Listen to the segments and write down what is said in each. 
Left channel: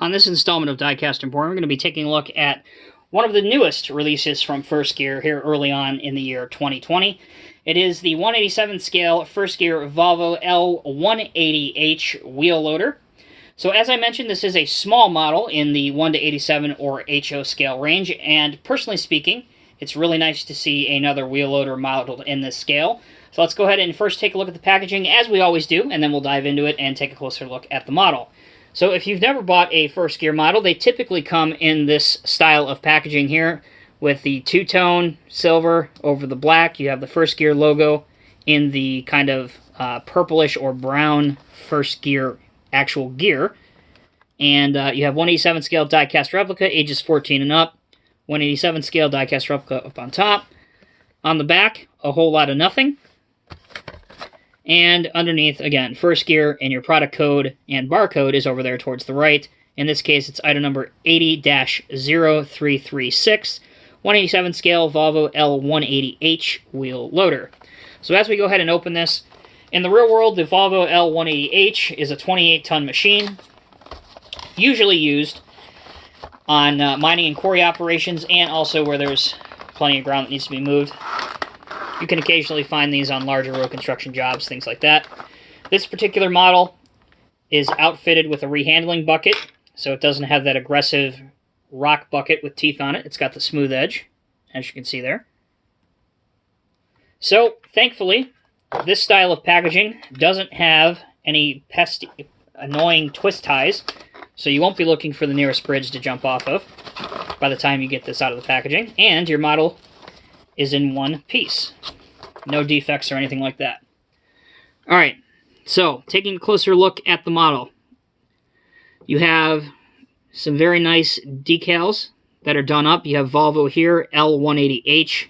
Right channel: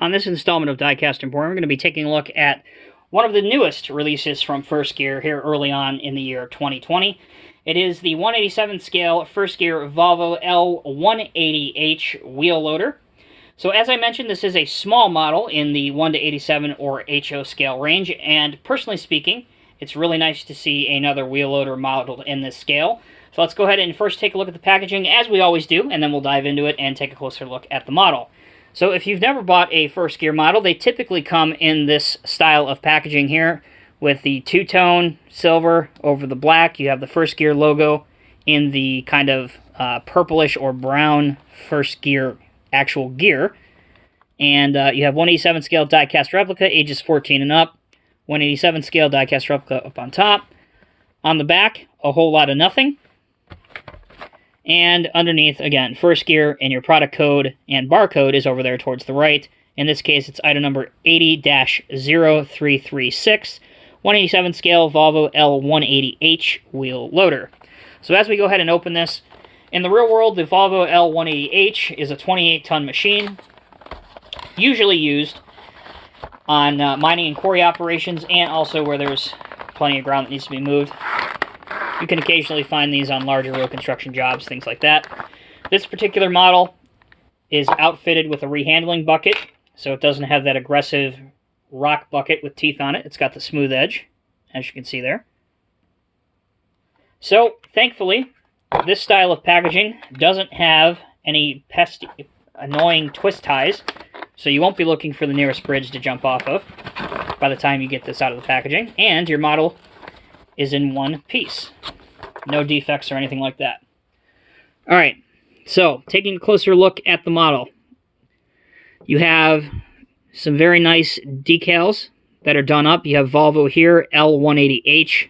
On this installment of Diecast Emporium, we're going to be taking a look at one of the newest releases from First Gear here early on in the year 2020. It is the 187 scale First Gear Volvo L180H wheel loader. So as I mentioned, this is a small model in the 1 to 87 or HO scale range, and personally speaking, it's really nice to see another wheel loader modeled in this scale. So let's go ahead and first take a look at the packaging as we always do, and then we'll dive into it and take a closer look at the model. So if you've never bought a First Gear model, they typically come in this style of packaging here with the two-tone silver over the black. You have the First Gear logo in the kind of purplish or brown First Gear actual gear. And you have 187 scale die-cast replica, ages 14 and up. 187 scale die-cast replica up on top. On the back, a whole lot of nothing. And underneath, again, First Gear, and your product code and barcode is over there towards the right. In this case, it's item number 80-0336, 187 scale Volvo L180H wheel loader. So as we go ahead and open this, in the real world, the Volvo L180H is a 28-ton machine, usually used on mining and quarry operations, and also where there's plenty of ground that needs to be moved. You can occasionally find these on larger road construction jobs, things like that. This particular model is outfitted with a rehandling bucket, so it doesn't have that aggressive rock bucket with teeth on it. It's got the smooth edge, as you can see there. So, thankfully, this style of packaging doesn't have any pesky, annoying twist ties, so you won't be looking for the nearest bridge to jump off of by the time you get this out of the packaging, and your model is in one piece. No defects or anything like that. Alright, so taking a closer look at the model. You have some very nice decals that are done up. You have Volvo here, L180H.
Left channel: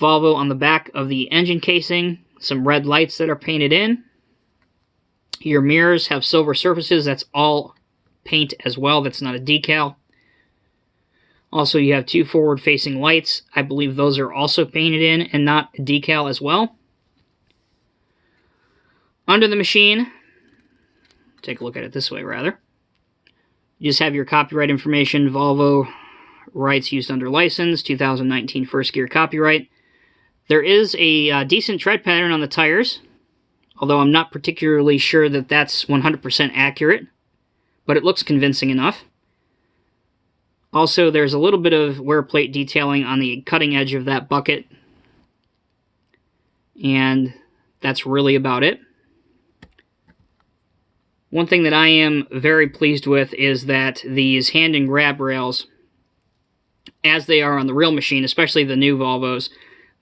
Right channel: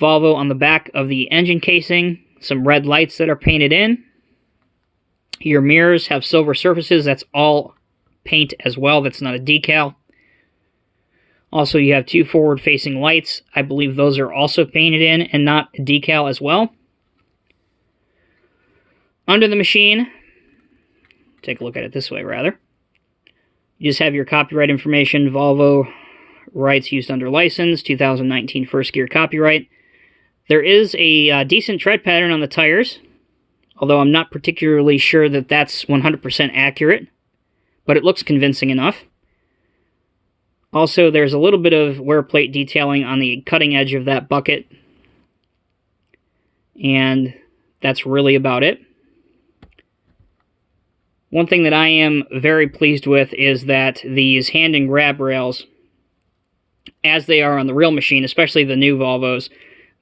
Volvo on the back of the engine casing. Some red lights that are painted in. Your mirrors have silver surfaces. That's all paint as well. That's not a decal. Also, you have two forward-facing lights. I believe those are also painted in and not a decal as well. Under the machine, take a look at it this way, rather. You just have your copyright information, Volvo rights used under license, 2019 First Gear copyright. There is a decent tread pattern on the tires, although I'm not particularly sure that that's 100% accurate, but it looks convincing enough. Also, there's a little bit of wear plate detailing on the cutting edge of that bucket. And that's really about it. One thing that I am very pleased with is that these hand and grab rails, as they are on the real machine, especially the new Volvos,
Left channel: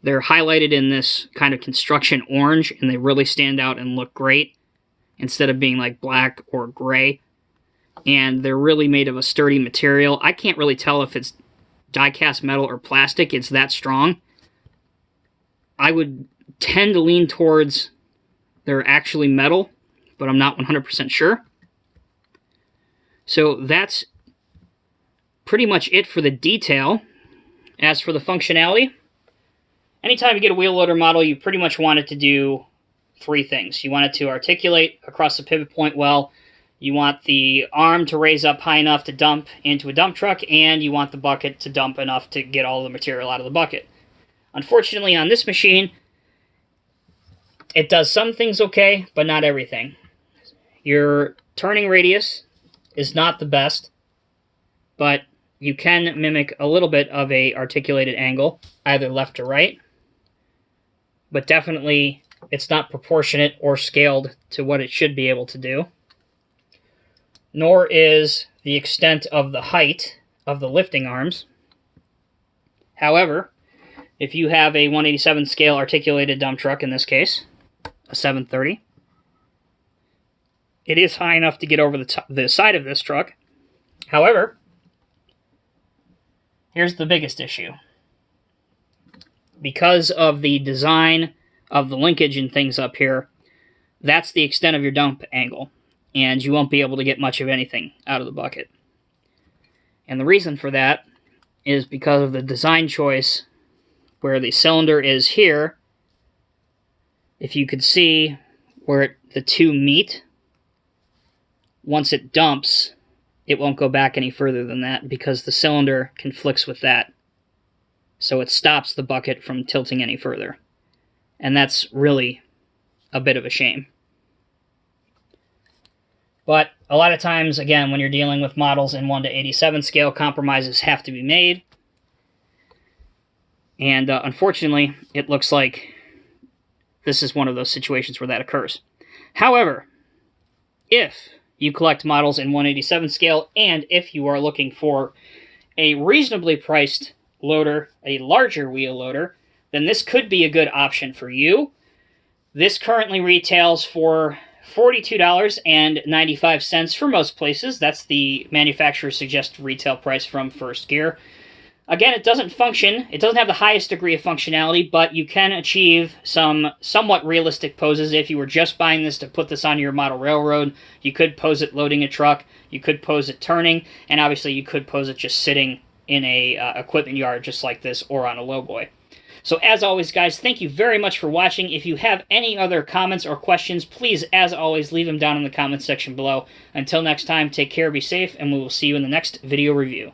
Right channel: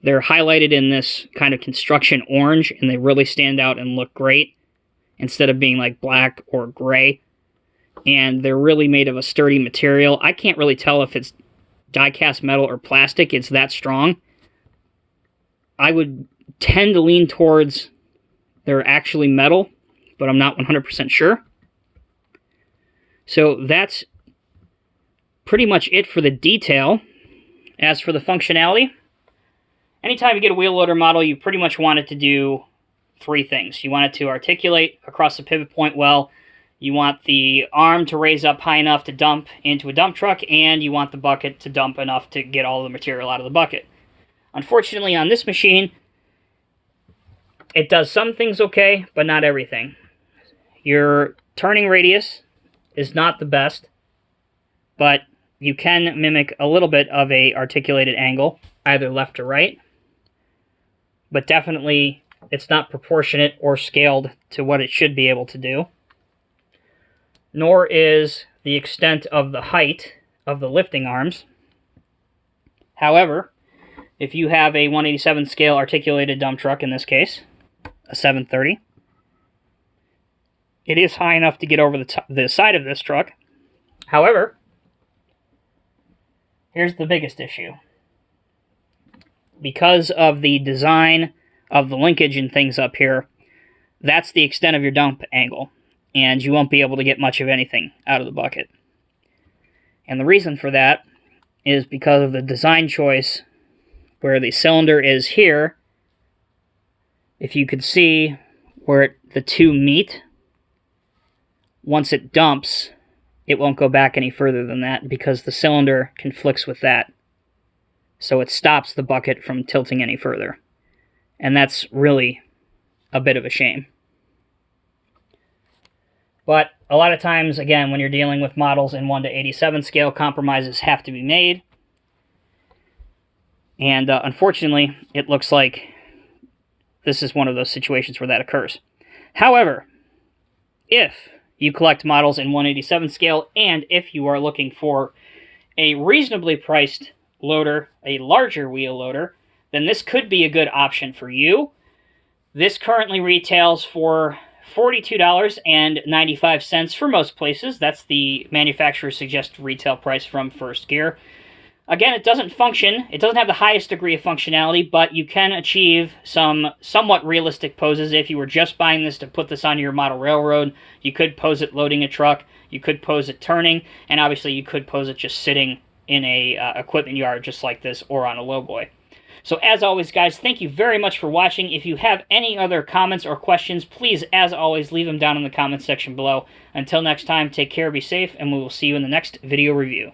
they're highlighted in this kind of construction orange, and they really stand out and look great, instead of being like black or gray. And they're really made of a sturdy material. I can't really tell if it's die-cast metal or plastic. It's that strong. I would tend to lean towards they're actually metal, but I'm not 100% sure. So that's pretty much it for the detail. As for the functionality, anytime you get a wheel loader model, you pretty much want it to do three things. You want it to articulate across the pivot point well. You want the arm to raise up high enough to dump into a dump truck, and you want the bucket to dump enough to get all the material out of the bucket. Unfortunately, on this machine, it does some things okay, but not everything. Your turning radius is not the best, but you can mimic a little bit of a articulated angle, either left or right, but definitely it's not proportionate or scaled to what it should be able to do. Nor is the extent of the height of the lifting arms. However, if you have a 187 scale articulated dump truck, in this case, a 730, it is high enough to get over the side of this truck. However, here's the biggest issue. Because of the design of the linkage and things up here, that's the extent of your dump angle, and you won't be able to get much of anything out of the bucket. And the reason for that is because of the design choice where the cylinder is here. If you could see where the two meet, once it dumps, it won't go back any further than that because the cylinder conflicts with that. So it stops the bucket from tilting any further. And that's really a bit of a shame. But a lot of times, again, when you're dealing with models in 1:87 scale, compromises have to be made. And unfortunately, it looks like this is one of those situations where that occurs. However, if you collect models in 1:87 scale, and if you are looking for a reasonably priced loader, a larger wheel loader, then this could be a good option for you. This currently retails for $42.95 for most places. That's the manufacturer's suggested retail price from First Gear. Again, it doesn't function. It doesn't have the highest degree of functionality, but you can achieve some somewhat realistic poses. If you were just buying this to put this on your model railroad, you could pose it loading a truck, you could pose it turning, and obviously you could pose it just sitting in a equipment yard just like this or on a lowboy. So as always, guys, thank you very much for watching. If you have any other comments or questions, please, as always, leave them down in the comments section below. Until next time, take care, be safe, and we will see you in the next video review.